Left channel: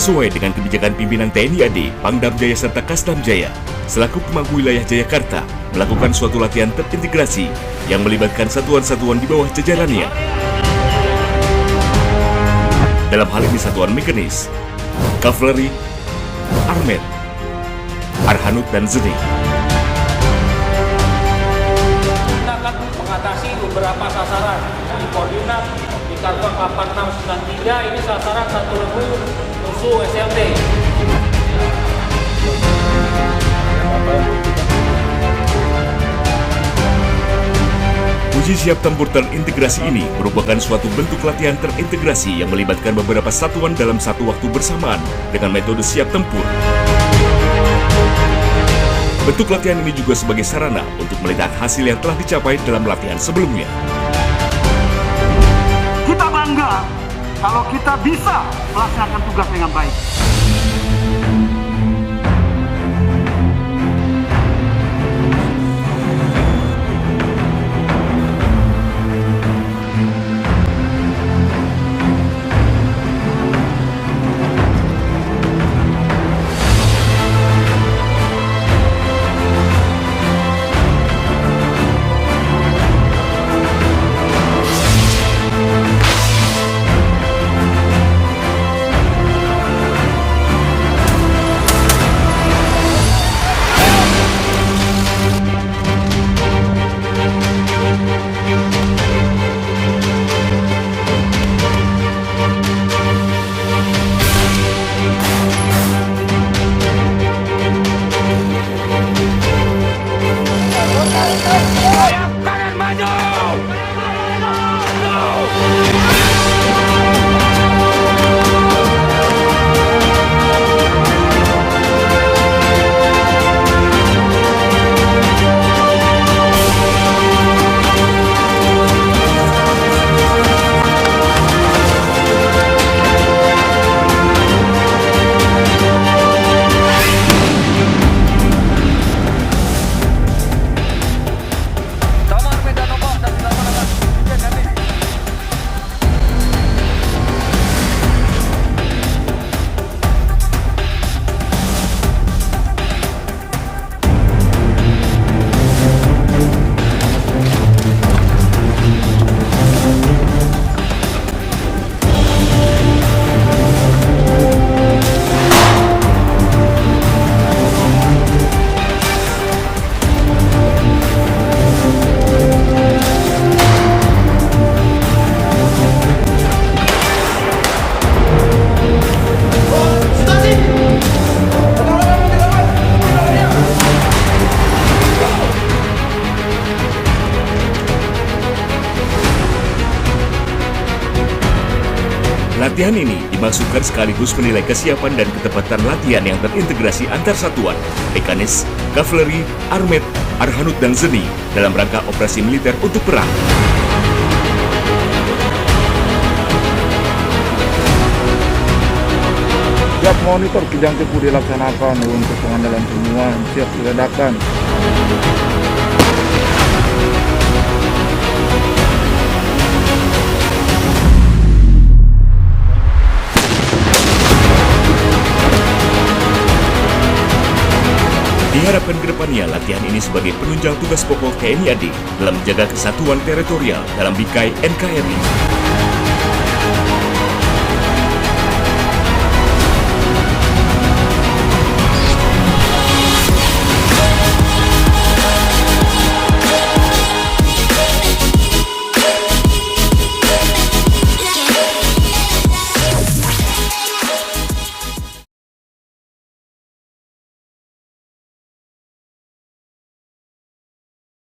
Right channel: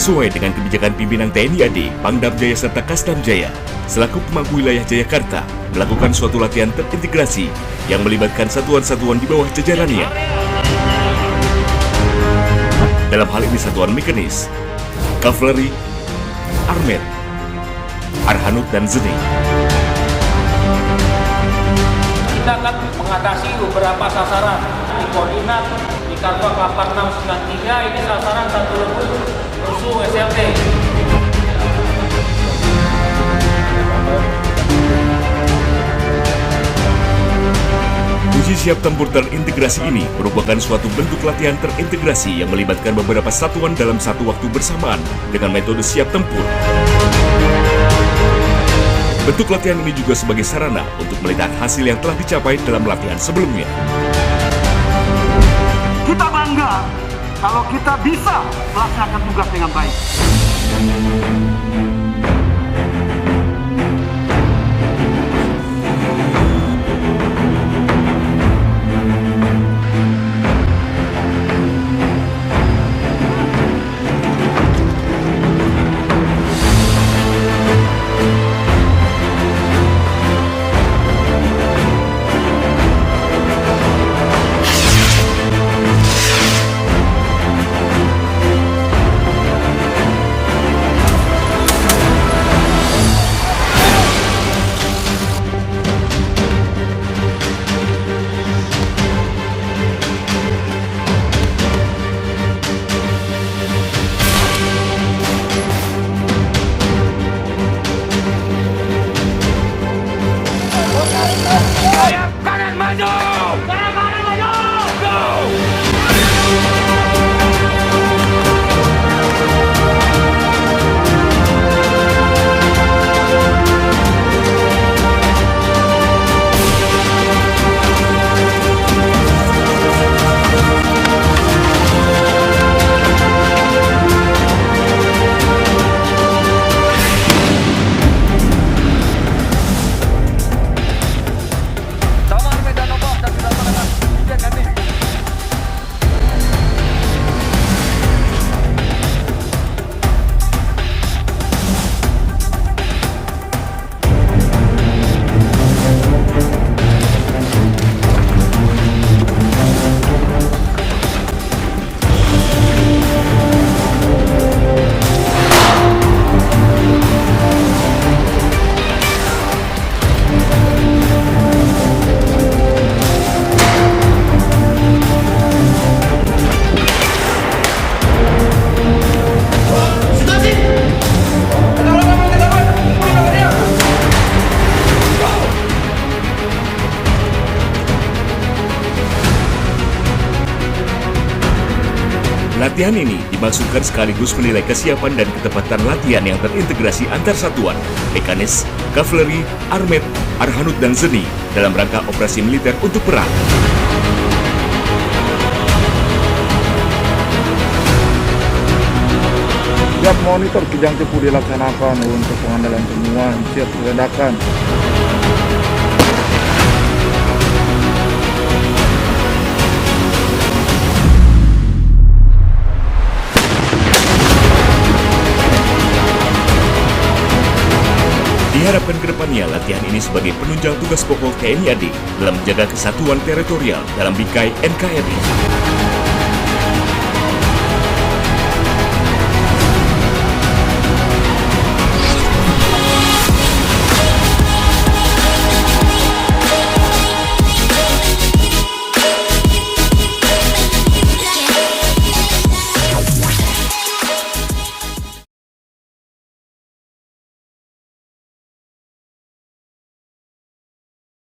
Sesuai dengan kebijakan pimpinan TNI AD, Pangdam Jaya serta Kasdam Jaya, selaku pemangku wilayah Jayakarta, melakukan suatu latihan terintegrasi yang melibatkan satuan-satuan di bawah jajarannya. Dalam hal ini satuan mekanis, kavaleri, armet, arhanut, dan zeni. Kita akan mengatasi beberapa sasaran di koordinat di Karwak 8693, ini sasaran satu lebih musuh SLT. Uji siap tempur terintegrasi ini merupakan suatu bentuk latihan terintegrasi yang melibatkan beberapa satuan dalam satu waktu bersamaan dengan metode siap tempur. Bentuk latihan ini juga sebagai sarana untuk melihat hasil yang telah dicapai dalam latihan sebelumnya. Kita bangga kalau kita bisa melaksanakan tugas dengan baik. Kanan maju! Latihan ini dimaksudkan sekaligus menilai kesiapan dan ketepatan latihan yang terintegrasi antar satuan, mekanis, kavaleri, armet, arhanut, dan zeni dalam rangka operasi militer untuk perang. Siap monitor kijang tipu dilaksanakan untuk pengandalan semua, siap diledakan. Diharapkan ke depannya latihan ini sebagai penunjang tugas pokok TNI AD dalam menjaga kesatuan teritorial dalam bingkai NKRI.